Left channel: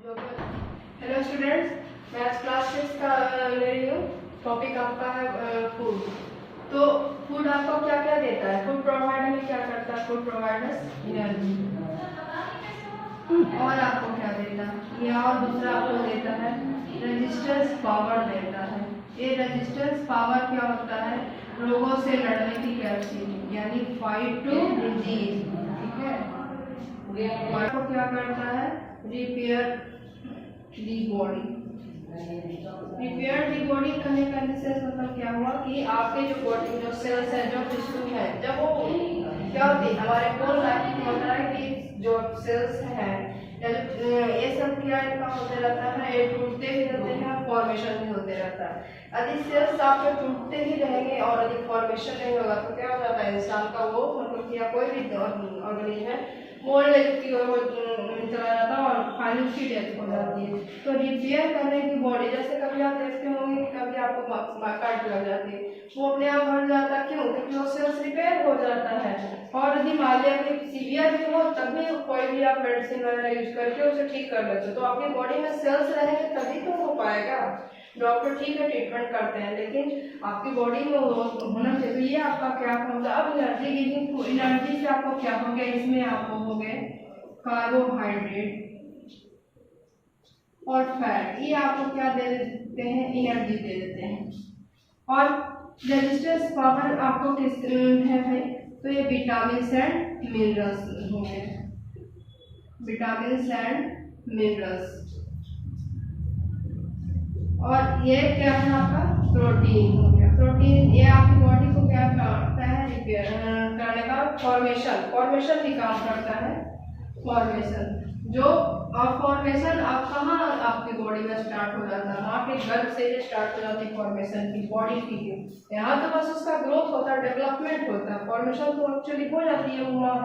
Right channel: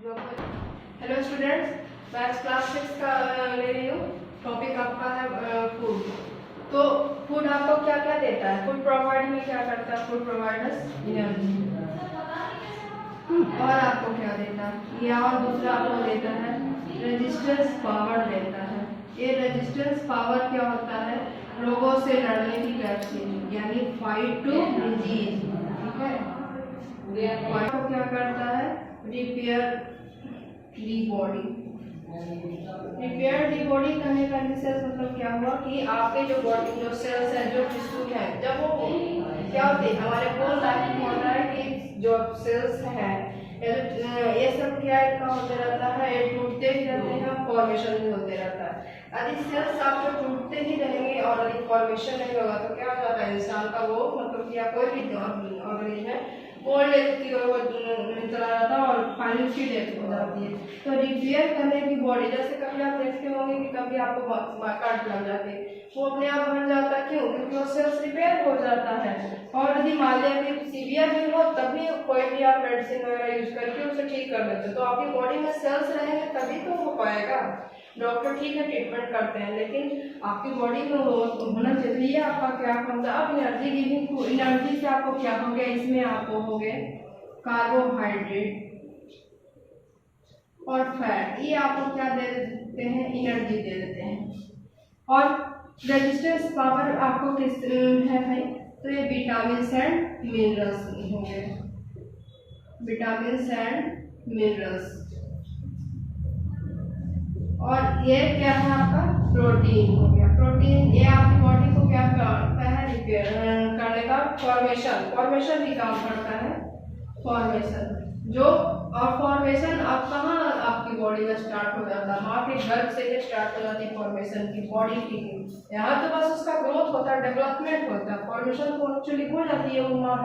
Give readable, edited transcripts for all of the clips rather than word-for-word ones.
Hello students, मैं class 6 का ले रही हूँ। टॉपिक आपका है फूड। तो फूड आपको क्या क्या देता है? फूड प्रोवाइड में क्या करता है? Food providers energy. और आपको क्या देता है? ये और दूसरा आपको देता है रेजिस्टेंस पावर देता है। ये रेजिस्टेंस पावर क्या होता है? रोगों से लड़ने की कैपेसिटी, यानी फाइट टू डिजीज। ठीक है, आपको क्या करता है? Repair the body. Repair the body करने का मतलब क्या हुआ कि आपके जो बॉडी जो सेल्स है, जो टिश्यू है, जब वो क्या होती है, हमारे बोल लाइफ में होता है कि जो सेल्स है ये सब क्या इनका होते रहता है, ये टूटते ही रहते हैं, फॉर्मेशन भी होते रहता है। यदि सेल्स आपके टूटते ही रहेंगे और यदि फॉर्मेशन नहीं होगा तो क्या हो जाता है, इंसान का वो मतलब कि कोई भी ऑर्गेनिज्म है वो की ओर चला जाता है और फाइनल उसकी डेथ हो जाती है। तो रिपेयर करने की बॉडी, जैसे कभी आप देखते होंगे कि कभी आपको कट लग जाती है, वो अपने आप भर जाता है। क्यों? क्योंकि वो सेल्स रिपेयर हो जाता है। और यदि मान लिया सीवियर भी हो तब भी कोई भी आप मेडिसिन वगैरह यूज करके उसे ठीक कर लेते हो, तो आपकी बॉडी में सेल्स रहेंगे तभी तो हो पाएगा। डॉक्टर ठीक है ट्रीटमेंट करते हैं, लेकिन आपकी बॉडी में होना चाहिए। आपका क्या होता है? अब एनर्जी गिविंग, एनर्जी से आपको क्या हो गया? इसमें आपको हो गए कार्बोहाइड्रेट और फैट, ये आपको क्या दे देते हैं? एनर्जी दे देते हैं। और रेजिस्टेंस पावर आपको किस है भाई? तो ये विटामिन एंड मिनरल्स हो गए, विटामिन एंड मिनरल्स। और ये क्या है आपका? प्रोटीन हो गया। प्रोटीन ये आपकी बॉडी को क्या करता है? रिपेयर करने का, फॉर्मेशन भी काम करता है। फॉर्मेशन जो, और फॉर्मेशन आप कहाँ आपकी बॉडी में स्टार्ट हो जाता है? माँ के गर्भ से स्टार्ट हो जाती है फॉर्मेशन की बॉडी की। यहाँ तो बस उसका ग्रोथ होता है, डेवलपमेंट होता है। फॉर्मेशन तो एक्चुअली हो जाती है वो माँ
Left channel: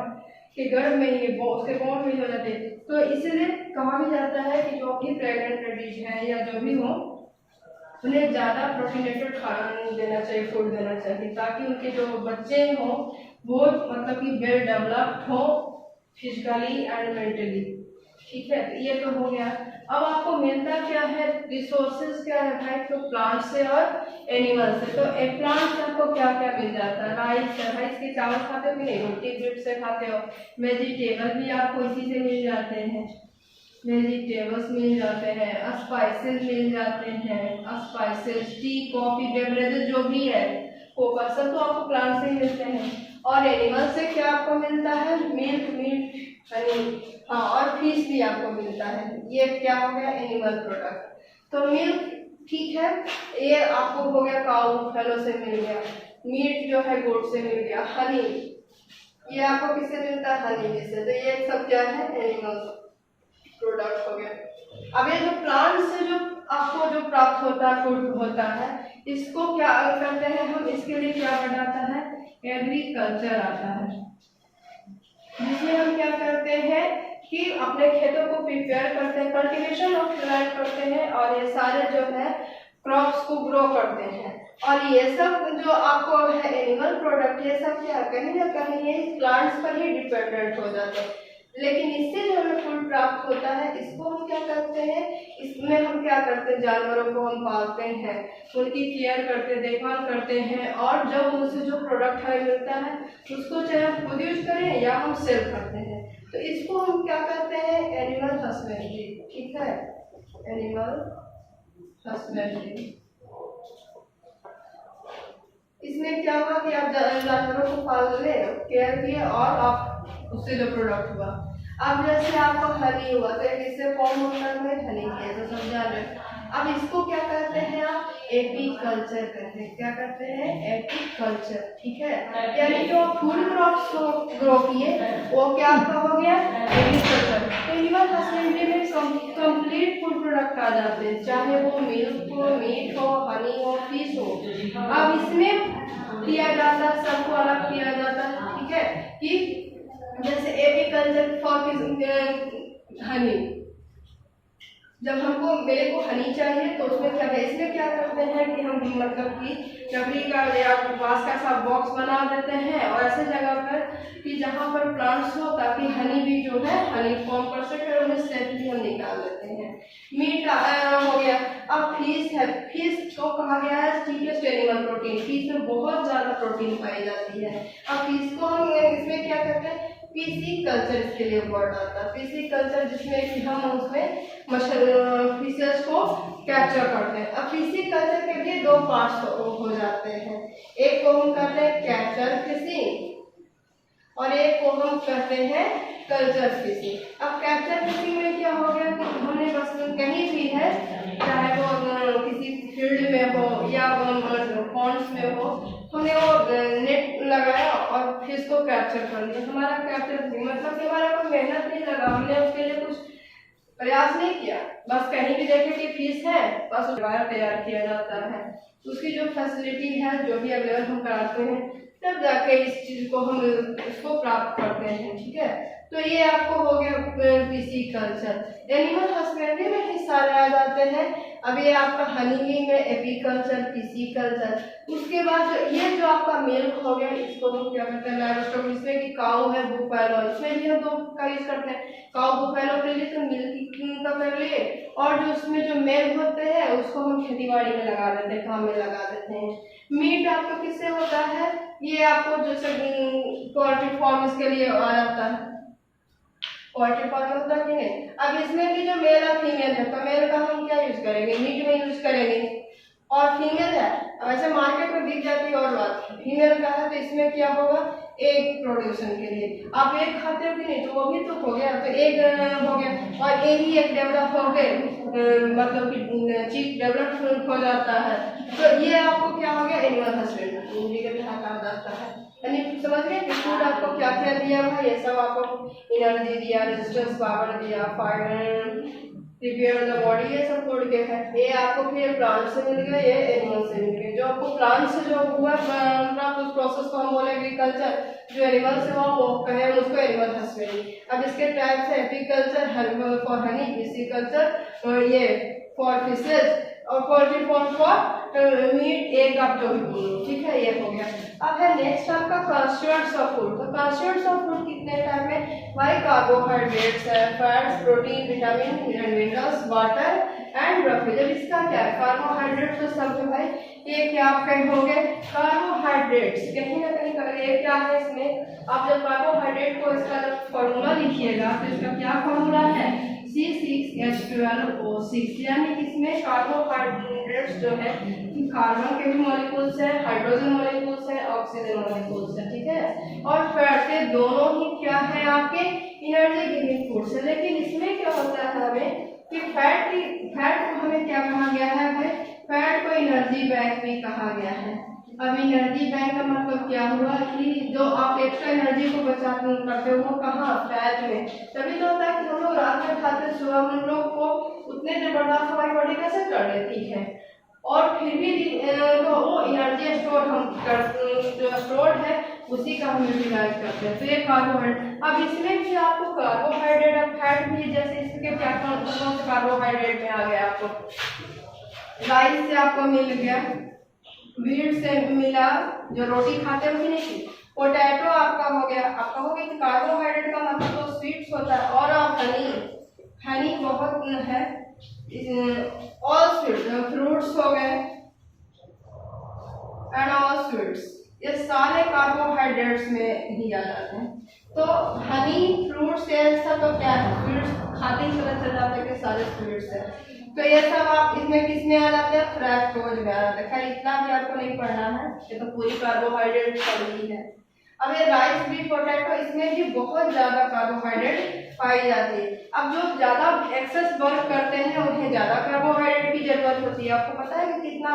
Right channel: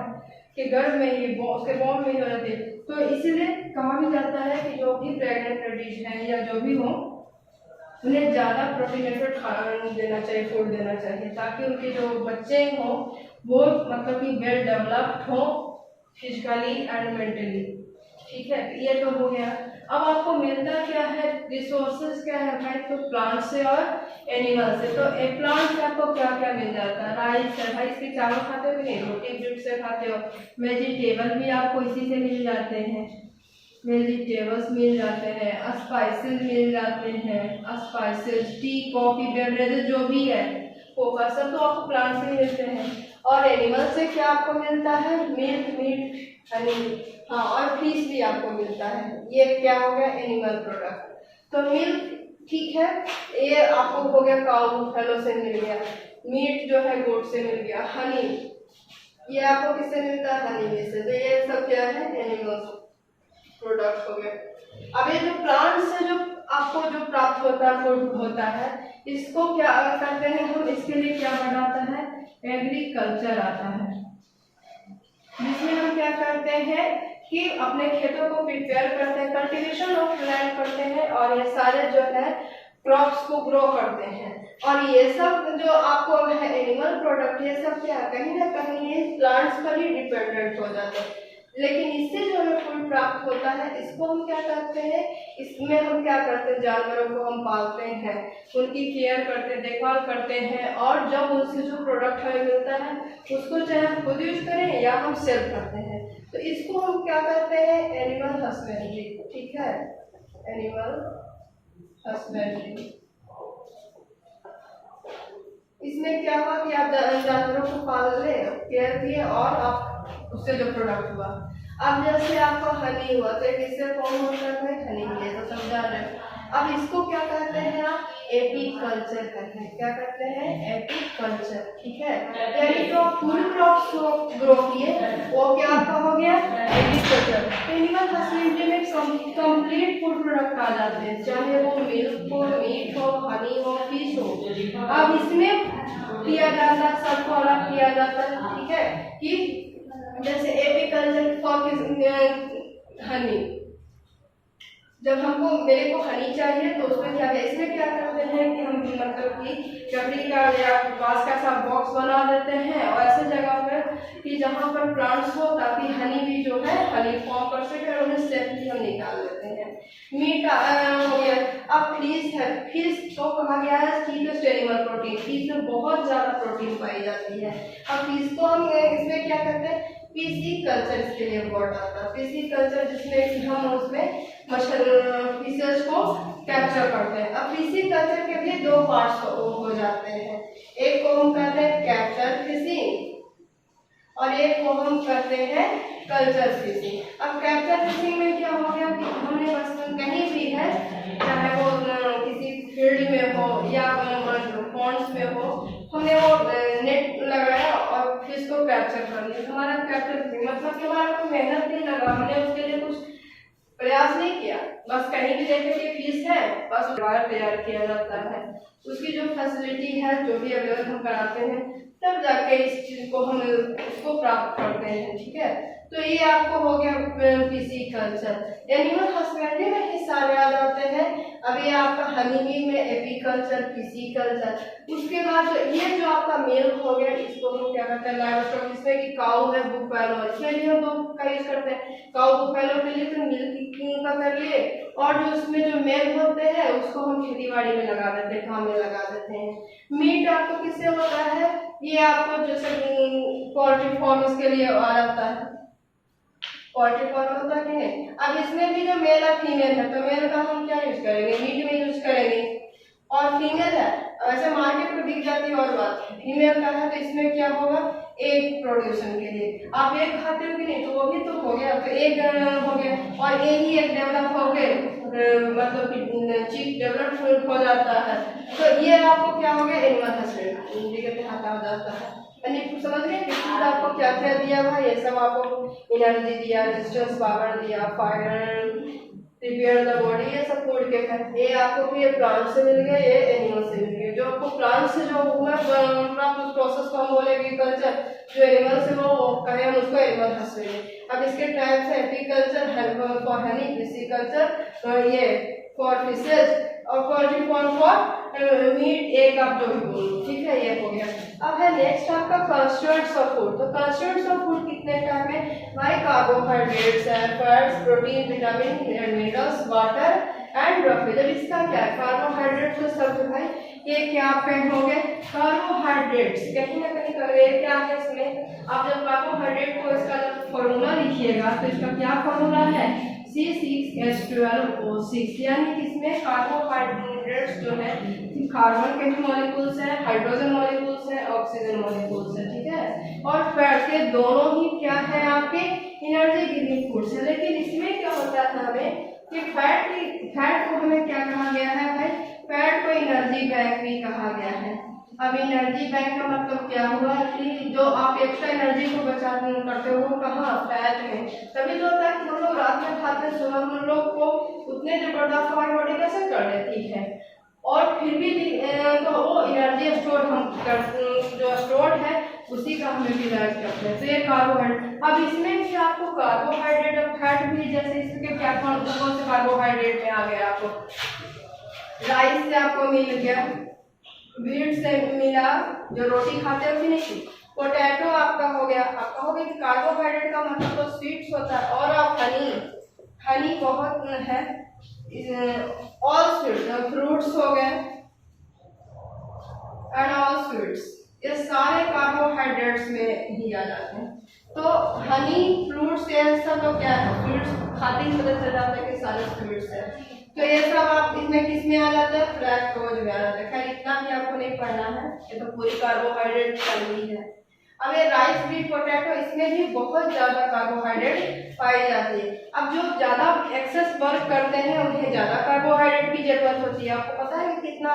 के गर्भ में ही, उसके बॉन्ड में ही हो जाती है। तो इसीलिए कहा भी जाता है कि जो भी प्रेग्नेंट लेडीज हैं या जो भी हो, उन्हें ज़्यादा प्रोटीनेटेड खाना देना चाहिए, फूड देना चाहिए, ताकि उनके जो बच्चे हों वो मतलब कि वेल डेवलप्ड हो फिजिकली एंड मेंटली। ठीक है, ये तो हो गया। अब आपको मिलता क्या है? रिसोर्सेज क्या है भाई? तो प्लांट से और एनिमल से। तो एक प्लांट से आपको क्या क्या मिल जाता है? राइस है, राइस के चावल खाते हो कि नहीं? रोटी जूट से खाते हो। वेजिटेबल भी आपको इसी से मिल जाते हैं, वेजिटेबल्स मिल जाते हैं। स्पाइसेस मिल जाते हैं, स्पाइसेस, टी, कॉफी, बेवरेजेस जो भी है वो सब तो आपको प्लांट से ही मिलते हैं। और एनिमल से क्या आपको मिलता है? मिल्क, मीट, हनी, हाँ, और फिश भी आपको मिलता है। ये क्या हो गया? Animal product. तो मिल्क ठीक है, ये आपको हो गया काऊ फैलो से मिल गया। मीट जो है गोट से मिल गया। हनी ये आपको किससे मिलता है? हनी में से। तो ये सब क्या है? एनिमल प्रोडक्ट हो गया। अब ये जो प्लांट से जो आपको जो प्राप्त होता है, फूड होता है, इसको क्या करते हैं हम? इसके लिए क्या बनाता है? एग्रीकल्चर आता है, जिसमें हम क्या करते हैं कि अपने खेतों को प्रिपेयर करते हैं, कल्टीवेशन ऑफ लैंड करते हैं, और ये सारे जो है क्रॉप्स को ग्रो करते हैं। और ये सब जो आपको है एनिमल प्रोडक्ट, ये सब क्या कहीं ना कहीं ये प्लांट्स पर ही डिपेंडेंट हो जाते हैं। लेकिन इससे जो हमें फूड प्राप्त होता है, इसको हम क्या करते हैं? इसमें हम क्या करते हैं? जानवरों को हम पालते हैं, उनकी केयर करते हैं, देखभाल करते हैं, और जब उनसे जो प्रोडक्ट हमें मिलता है उसको चाहे हम खुद यूज करें या हम सेल करते हैं, तो इसको हम क्या करते हैं? Animal husbandry. ठीक है, एनिमल हस्बेंड्री। इसमें क्या हुआ कि आप जानवरों को पाल रहे, केयर किए, और आप उससे जो प्रोडक्ट हुआ। अब जैसे आपको हनी हुआ तो एक इससे फॉर्म होता है हनी है, तो समझा रहे। अब इसको क्या कहते हैं? आप एपीकल्चर कहते हैं। क्या कहते हैं? एपीकल्चर। ठीक है, यानी जो फूड क्रॉप्स को ग्रो किए वो क्या आपका हो गया? एपीकल्चर। एनिमल हस्बेंड्री में कंप्लीट फूड प्रोडक्ट आ जाते हैं, चाहे वो मिल्क हो, मीट हो, हनी हो, फिश हो। अब इसमें किया जाता है, सबको अलग किया जाता है। ठीक है, कि जैसे एपीकल्चर फॉर हनी, जब हमको मेरे को हनी चाहिए तो उसमें क्या है? इसमें क्या करते हैं कि हम मतलब कि लकड़ी का या बांस का ऐसा बॉक्स बना देते हैं, और ऐसे जगह पर कि जहाँ पर प्लांट्स हो, ताकि हनी भी जो है हनी फॉर्म कर सके, और उन्हें सेफली हम निकाल लेते हैं। मीट हो गया। अब फिश है, फिश तो कहा गया है चीपेस्ट एनिमल प्रोटीन, फिश में बहुत ज्यादा प्रोटीन पाई जाती है। अब फिश को हम इसमें क्या करते हैं, पीसी कल्चर इसके लिए वर्ड आता है, पीसी कल्चर, जिसमें कि हम उसमें फिशेस को कैप्चर करते हैं। अब पीसी कल्चर के लिए दो पार्ट्स हो जाते हैं, एक को हम कहते हैं कैप्चर फिशिंग और एक को हम कहते हैं कल्चर फिशिंग। अब कैप्चर फिशिंग में क्या हो गया कि हमने बस कहीं भी है, चाहे वो किसी फील्ड में हो या पॉन्ड्स में हो, हमने वो नेट लगाया और फिश को कैप्चर कर लिया। हमारा कैप्चर फिशिंग मतलब कि हमारा कोई मेहनत नहीं लगा, हमने उसके लिए कुछ प्रयास नहीं किया, बस कहीं भी देखे कि फिश है बस वायर तैयार किया जाता है, उसकी जो फैसिलिटी है जो भी अवेलेबल हम कराते हैं तब जाके इस चीज को हम उसको प्राप्त करते हैं। ठीक है, तो ये आपको हो गया पीसी कल्चर। एनिमल हस्बेंड्री में ही सारे आ जाते हैं। अब ये आपका हनी में एपीकल्चर, पीसी कल्चर। उसके बाद ये जो आपका मिल्क हो गया, इसको हम क्या करते हैं लाइवस्टॉक, जिसमें कि काऊ है, बुफेलो, इसमें भी हम दो का यूज करते हैं। काऊ बुफेलो के लिए तो मिल्क का कर लिए, और जो उसमें जो मेल होते हैं उसको हम खेती बाड़ी में लगा देते हैं, काम में लगा देते हैं। मीट आपको किससे होता है, ये आपको जैसे पोल्ट्री फार्म इसके लिए आ जाता है, पोल्ट्री फार्म होता है कि नहीं। अब इसमें भी जो मेल और फीमेल है, तो मेल का हम क्या यूज करेंगे, मीट में यूज करेंगे, और फीमेल है वैसे मार्केट में बिक जाती है और बात है, फीमेल का है तो इसमें क्या होगा, एग प्रोडक्शन के लिए। आप एग खाते हो कि नहीं, तो वो भी तो हो गया, तो एग हो गया, और एग ही एक डेवलप हो गए, मतलब कि चीज डेवलप हो जाता है। तो ये आपको क्या हो गया, एनिमल हस्बेंड्री के तहत कहा जाता है। यानी समझ गए कि फूड आपको क्या क्या दिया हुआ है, ये सब आपको एनर्जी दिया, रेजिस्टेंस पावर दिया, फाइबर रिपेयर द बॉडी, ये सब फूड के है। ये आपको फिर प्लांट से मिल गया, ये एनिमल से मिल गया। जो आपको प्लांट से जो हुआ प्राप्त उस प्रोसेस को हम बोलेंगे कल्चर, जो एनिमल से हो वो कहें उसको एनिमल हस्बेंड्री। अब इसके टाइप्स है एपीकल्चर फॉर हनी, पिसीकल्चर और ये फॉर फिशेज, और poultry farm for meat, egg आप जो भी बोलो। ठीक है, ये हो गया। अब है नेक्स्ट आपका कंस्टिट्यूएंट्स ऑफ फूड। तो कंस्टिट्यूएंट्स ऑफ फूड कितने टाइप में भाई, कार्बोहाइड्रेट्स है, fats, protein, vitamin and minerals, water and Rafi. जब इसका क्या है, कार्बोहाइड्रेट्स तो सब जो है ये क्या आपके हो गए कार्बोहाइड्रेट्स, कहीं ना कहीं ये क्या है इसमें, आप जब कार्बोहाइड्रेट को इसका जब फॉर्मूला लिखिएगा तो इसका क्या फॉर्मूला है, C6H12O6, यानी इसमें कार्बोहाइड्रेट्स जो है कार्बन के भी मॉलिक्यूल्स हैं, हाइड्रोजन मॉलिक्यूल्स हैं, ऑक्सीजन मॉलिक्यूल्स हैं। ठीक है, और फैट के दोनों ही क्या है आपके एनर्जी गिविंग फूड्स है। लेकिन इसमें क्या होता है हमें कि फैट को हमें क्या कहा गया है भाई, फैट को एनर्जी बैंक भी कहा गया है। अब एनर्जी बैंक का मतलब क्या हुआ कि जो आप एक्स्ट्रा एनर्जी को बचा करते हो वो कहाँ, फैट में। तभी तो होता है कि हम लोग रात में खाते हैं, सुबह हम लोग को उतने जबरदस्त हमारी बॉडी कैसे कर लेती है, और फिर भी तो वो एनर्जी स्टोर हम जो स्टोर है उसी का हम यूटिलाइज करते हैं। तो ये कार्बोहाइड्रेट। अब इसमें भी आपको कार्बोहाइड्रेट और फैट भी, जैसे इसके क्या कौन से कार्बोहाइड्रेट में आ गया, आपको राइस से आपको मिल गया, व्हीट से मिला, जो रोटी खाते हो कि नहीं, पोटैटो आपका हो गया, आपका हो गया। कार्बोहाइड्रेट का मतलब तो स्वीट्स होता है, और आप हनी बहुत है, ऑल स्वीट्स, फ्रूट्स हो गए एंड ऑल स्वीट्स, ये सारे कार्बोहाइड्रेट्स में ही आ जाते हैं। तो हनी, फ्रूट्स, ये सब तो क्या है, स्वीट्स खाते ही पता चल जाता है कि सारे स्वीट्स है। तो ये सब आप इसमें किसमें आ जाते हैं, फ्रैक्टोज में आ जाते हैं। खैर इतना भी आपको नहीं पढ़ना है, ये तो पूरी कार्बोहाइड्रेट चल है। अब ये राइस, व्हीट, पोटैटो, इसमें भी बहुत ज्यादा कार्बोहाइड्रेट पाई जाती है। अब जो ज्यादा एक्सेस वर्क करते हैं उन्हें ज्यादा कार्बोहाइड्रेट की जरूरत होती है। आपको पता है कि कितना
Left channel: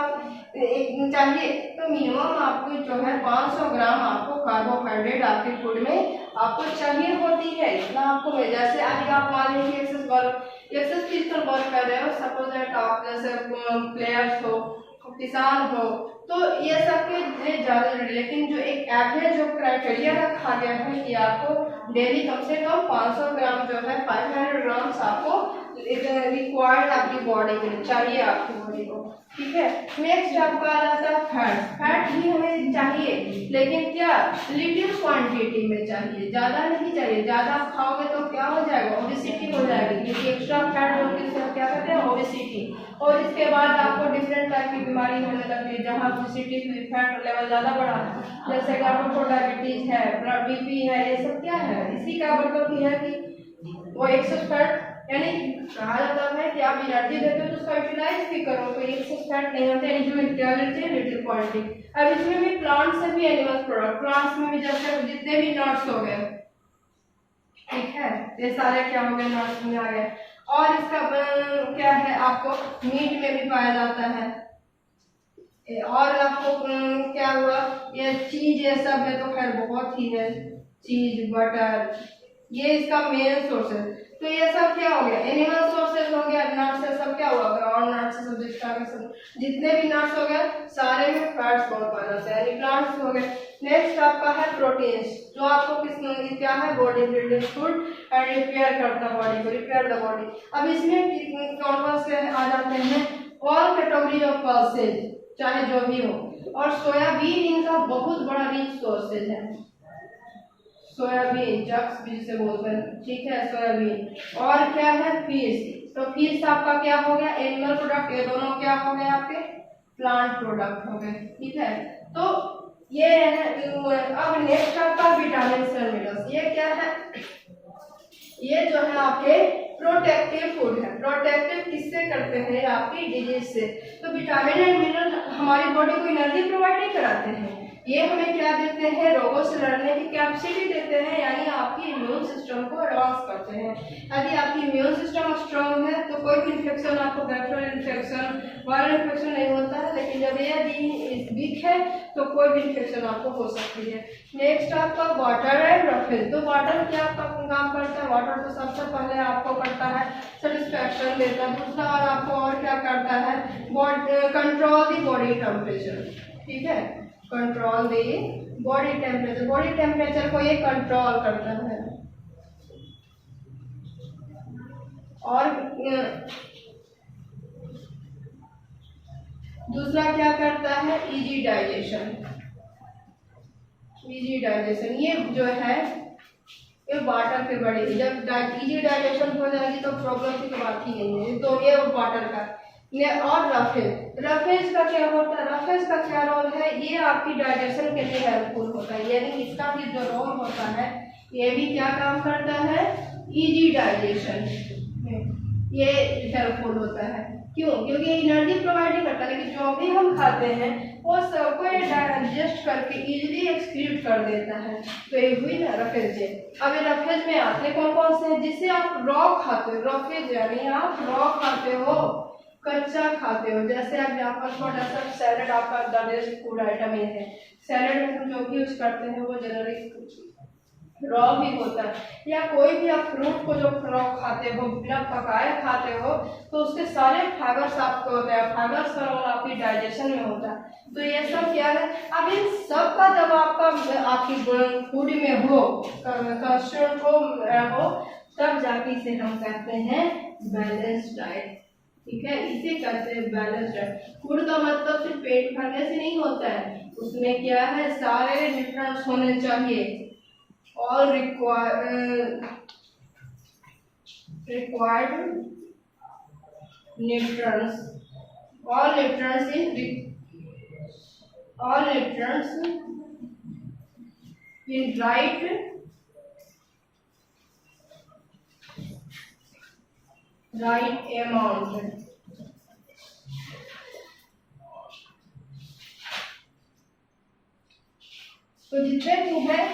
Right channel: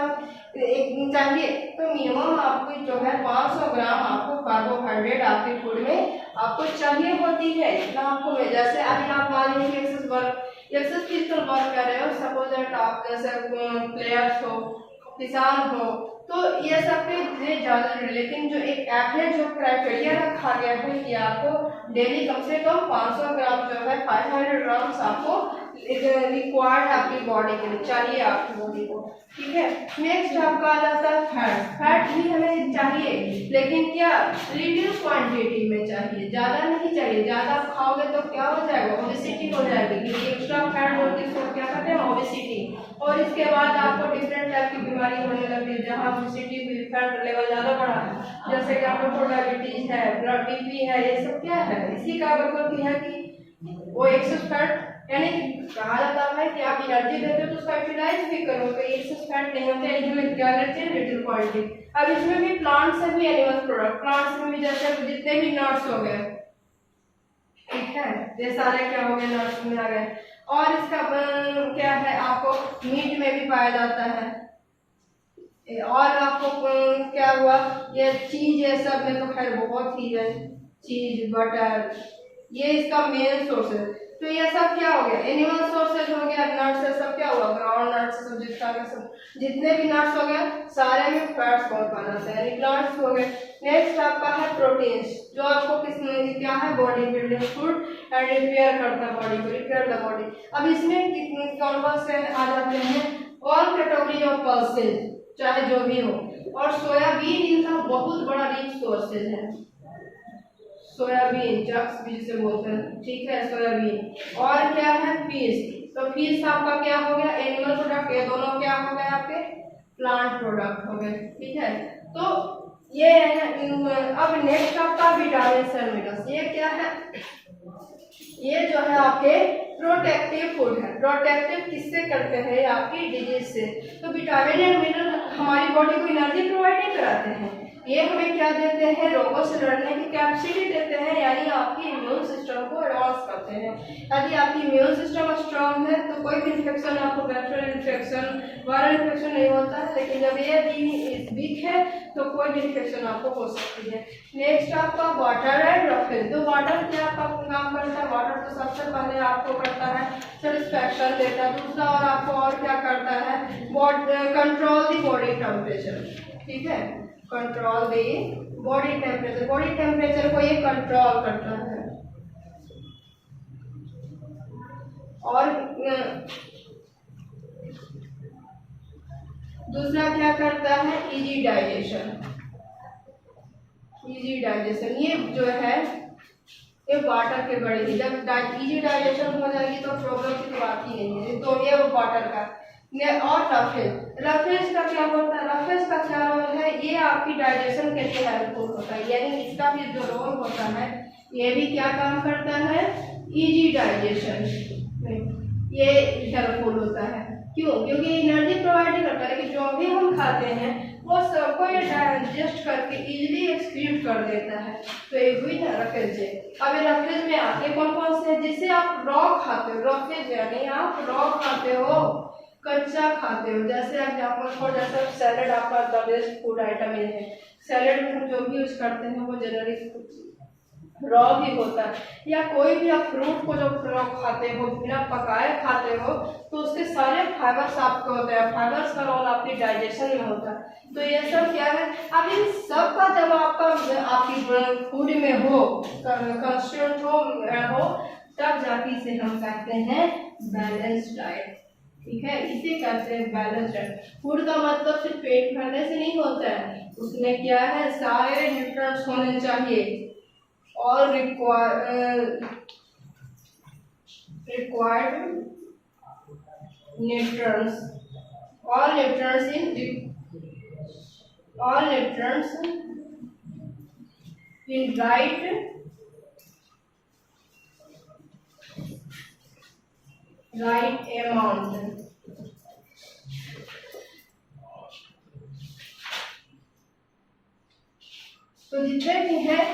चाहिए, तो मिनिमम आपको जो है 500 ग्राम आपको कार्बोहाइड्रेट आपके फूड में आपको चाहिए होती है। इतना आपको मिल, जैसे अभी आप मान लीजिए एक्सेस फिजिकल वर्क कर रहे हो, सपोज दैट आप जैसे प्लेयर्स हो, किसान हो, तो ये सब के लिए ज्यादा, लेकिन जो एक ऐप है जो क्राइटेरिया रखा गया है कि आपको डेली कम से कम 500 ग्राम जो है 500 ग्राम्स आपको रिक्वायर्ड आपकी बॉडी के लिए चाहिए, आपकी बॉडी को। ठीक है, नेक्स्ट आपका आ जाता है फैट। फैट भी हमें चाहिए, लेकिन क्या लिटिल क्वांटिटी में चाहिए, ज्यादा नहीं चाहिए। ज्यादा आप खाओगे तो क्या हो जाएगा, ओबेसिटी हो जाएगी, क्योंकि एक्स्ट्रा फैट होगी तो क्या और इसके बाद आपको डिफरेंट टाइप की बीमारी होने लगती है, जहाँ ओबेसिटी फैट लेवल ज़्यादा बढ़ा है, जैसे कि आपको डायबिटीज है, बीपी है, ये सब क्या है, इसी का मतलब ये है कि वो एक्सेस फैट, यानी कहा जाता है कि आप एनर्जी देते हो तो उसका यूटिलाइज भी करो, तो एक्सेस फैट नहीं होते, इनमें क्वालिटी लिटिल क्वालिटी। अब इसमें भी प्लांट से भी एनिमल प्रोडक्ट, प्लांट्स में भी जैसे जितने भी नट्स हो गए, ठीक है, ये सारे क्या हो गए, नट्स में आ गए। और इसका क्या है, आपको मीट में भी पाया जाता है। और आपको क्या हुआ, ये चीज, ये सब में तो खैर बहुत ही है, चीज, बटर, ये इसका मेन सोर्स है। तो ये सब क्या हो गया, एनिमल सोर्सेज हो गया, नट्स से सब क्या हुआ, ग्राउंड नट्स से सब जितने भी नट्स हो गए सारे में फैट्स बहुत पाया जाता है, प्लांट्स हो गए। नेक्स्ट आपका है प्रोटीन्स, जो आपको किस क्या है, body building food and repair करता है बॉडी को, रिपेयर द बॉडी। अब इसमें कौन कौन से आ जाते हैं, ऑल कैटेगरी ऑफ पल्सेज, चाहे जो भी हो। और सोयाबीन इनका बहुत बड़ा रिच सोर्सेज है, सोयाबीन चक्स भी जिसे बोलते हैं, ठीक है, सोयाबीन। और क्या है, फिश, तो फिश आपका क्या हो गया, एनिमल प्रोडक्ट, ये दोनों क्या हो गए आपके, प्लांट प्रोडक्ट हो गए, ठीक है। तो ये है। अब नेक्स्ट आपका विटामिन एंड मिनरल्स, ये क्या है, ये जो है आपके प्रोटेक्टिव फूड है। प्रोटेक्टिव किससे करते हैं, आपकी डिजीज से। तो विटामिन एंड मिनरल हमारी बॉडी को एनर्जी प्रोवाइड नहीं कराते हैं, ये हमें क्या देते हैं, रोगों से लड़ने की कैपेसिटी देते हैं, यानी आपकी इम्यून सिस्टम को एडवांस करते हैं। यदि आपकी इम्यून सिस्टम स्ट्रांग है तो कोई भी इन्फेक्शन, आपको बैक्टीरियल इन्फेक्शन, वायरल इन्फेक्शन नहीं होता है, लेकिन जब ये वीक है तो कोई भी इन्फेक्शन आपको हो सकती है। नेक्स्ट आपका वाटर एंड रफेज, तो वाटर क्या आपका काम करता है, वाटर तो सबसे पहले आपको करता है सेटिस्फैक्शन देता है, दूसरा और आपको और क्या करता है, कंट्रोल द बॉडी टेम्परेचर, ठीक है, control the body temperature, body temperature को ये कंट्रोल करता है। और दूसरा क्या करता है, इजी डाइजेशन, इजी डाइजेशन, ये जो है ये वाटर के बड़े, जब इजी डाइजेशन हो जाएगी तो प्रॉब्लम की बात ही नहीं है, तो ये वाटर का। और रफेज, रफेज का क्या होता है, रफेज का क्या रोल है, ये आपकी डाइजेशन के लिए हेल्पफुल होता है, यानी इसका भी जो रोल होता है ये भी क्या काम करता है, इजी डाइजेशन में ये हेल्पफुल होता है। क्यों, क्योंकि एनर्जी प्रोवाइड करता है, लेकिन जो भी हम खाते हैं वो सबको ये डाइजेस्ट करके इजीली एक्सक्रीट कर देता है, तो ये हुई ना रफेज। अब ये रफेज में आते कौन कौन से हैं, जिसे आप रॉ खाते हो, रफेज यानी आप रॉ खाते हो, कच्चा खाते हो, जैसे एग्जाम्पल फॉर जैसे सैलेड आपका द बेस्ट फूड आइटम ये है, सैलेड में हम जो भी यूज करते हैं वो जनरली रॉ भी होता है, या कोई भी आप फ्रूट को जो रॉ खाते हो, बिना पकाए खाते हो, तो उसके सारे फाइबर्स आपको होते हैं, फाइबर्स का रोल आपकी डाइजेशन में होता है। तो ये सब क्या है, अब इन सब का जब आपका आपकी फूड में हो, कंस्ट्यूट हो, तब जाके इसे हम कहते हैं बैलेंस डाइट, ठीक है, इसे कहते हैं बैलेंस डाइट। फूड का मतलब सिर्फ पेट भरने से नहीं होता है, उसमें क्या है, सारे न्यूट्रिएंट्स होने चाहिए, all required nutrients, all nutrients in right amount। तो जितने भी हैं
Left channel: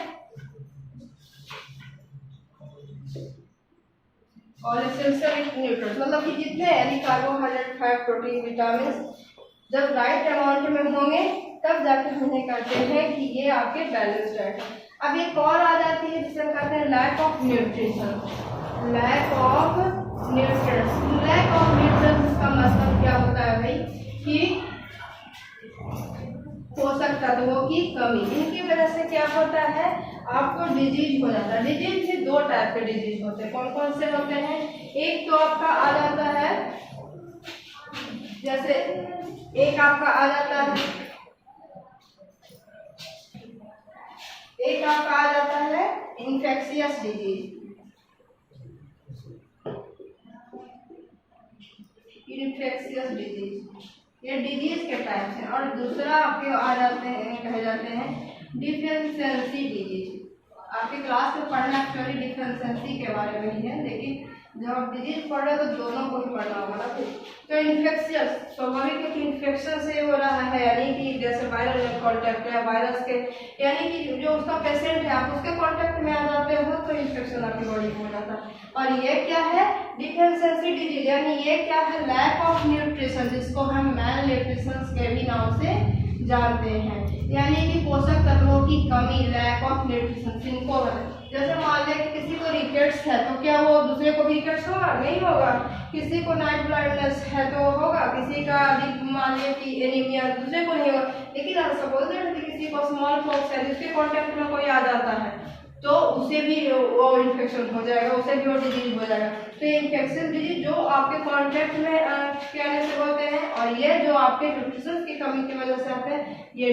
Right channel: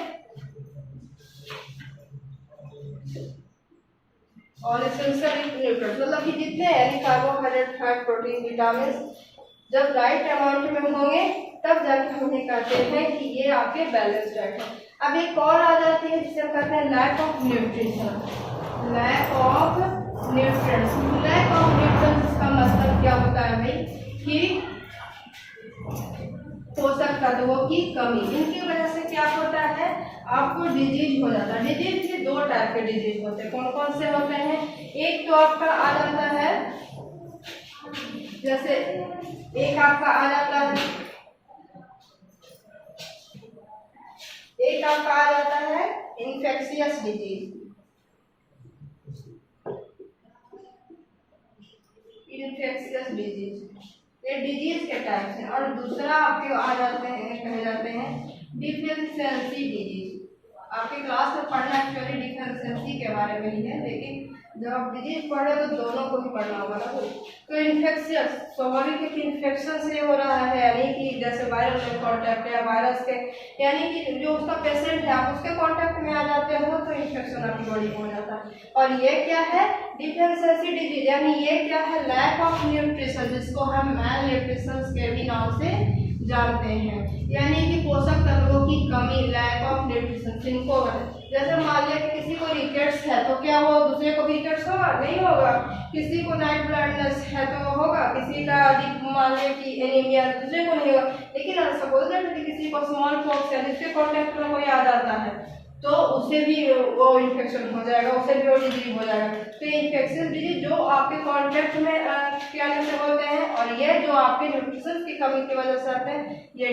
और एसेंशियल न्यूट्रिएंट्स, मतलब कि जितने यानी कार्बोहाइड्रेट, फैट, प्रोटीन, विटामिन जब राइट अमाउंट में होंगे तब जाके हमने कहते हैं कि ये आपके बैलेंस डाइट है। अब एक और आ जाती है जिसे हम कहते हैं lack of nutrition, lack of nutrients. Lack of nutrients का मतलब क्या होता है भाई, कि पोषक तत्वों की कमी, इनकी वजह से क्या होता है, आपको डिजीज हो जाता है। डिजीज भी दो टाइप के डिजीज होते हैं, कौन कौन से होते हैं, एक तो आपका आ जाता है, जैसे एक आपका आ जाता है, एक आपका आ जाता है इन्फेक्शियस डिजीज, इन्फेक्शियस डिजीज, ये डिजीज के टाइप्स हैं। और दूसरा आपके आ जाते हैं, कहे जाते हैं डिफिशियंसी डिजीज। आपकी क्लास में पढ़ना एक्चुअली डिफिशियंसी के बारे में ही है, लेकिन जब आप डिजीज पढ़ रहे हो तो दोनों को ही पढ़ना होगा ना। तो इन्फेक्शियस स्वाभाविक है कि इन्फेक्शन से हो रहा है, यानी कि जैसे वायरल में कॉन्टैक्ट या वायरस के, यानी कि जो उसका पेशेंट है आप उसके कॉन्टैक्ट में आ जाते हो तो इन्फेक्शन आपकी बॉडी में हो जाता है। और ये क्या है, डिफिशियंसी डिजीज, यानी ये क्या है, लैक ऑफ न्यूट्रिशन, जिसको हम मैल न्यूट्रिशन के भी नाम से जानते हैं, यानी कि पोषक तत्वों की कमी, लैक ऑफ न्यूट्रिशन। जिनको जैसे मान लें कि किसी को रिकेट्स है तो क्या वो दूसरे को भी रिकेट्स होगा? नहीं होगा। किसी को नाइट ब्लाइंडनेस है तो होगा, किसी का मान लें कि एनीमिया दूसरे को नहीं होगा। लेकिन सपोज दैट किसी को स्मॉल पॉक्स है, जिसके कॉन्टैक्ट में कोई आ जाता है तो उसे भी वो इन्फेक्शन हो जाएगा, उसे भी वो डिजीज हो जाएगा। तो ये इन्फेक्शियस डिजीज जो आपके कॉन्टैक्ट में क्या जैसे होते हैं, और ये जो आपके न्यूट्रिशन की कमी की वजह से आते हैं, ये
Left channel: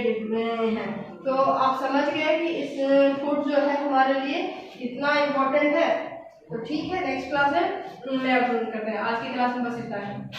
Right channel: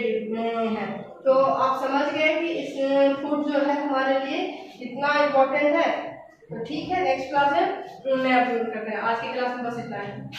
है। तो आप समझ गए कि इस फूड जो है हमारे लिए कितना इम्पोर्टेंट है। तो ठीक है, नेक्स्ट क्लास में मैं अपलोड करते हैं। आज की क्लास में बस इतना है।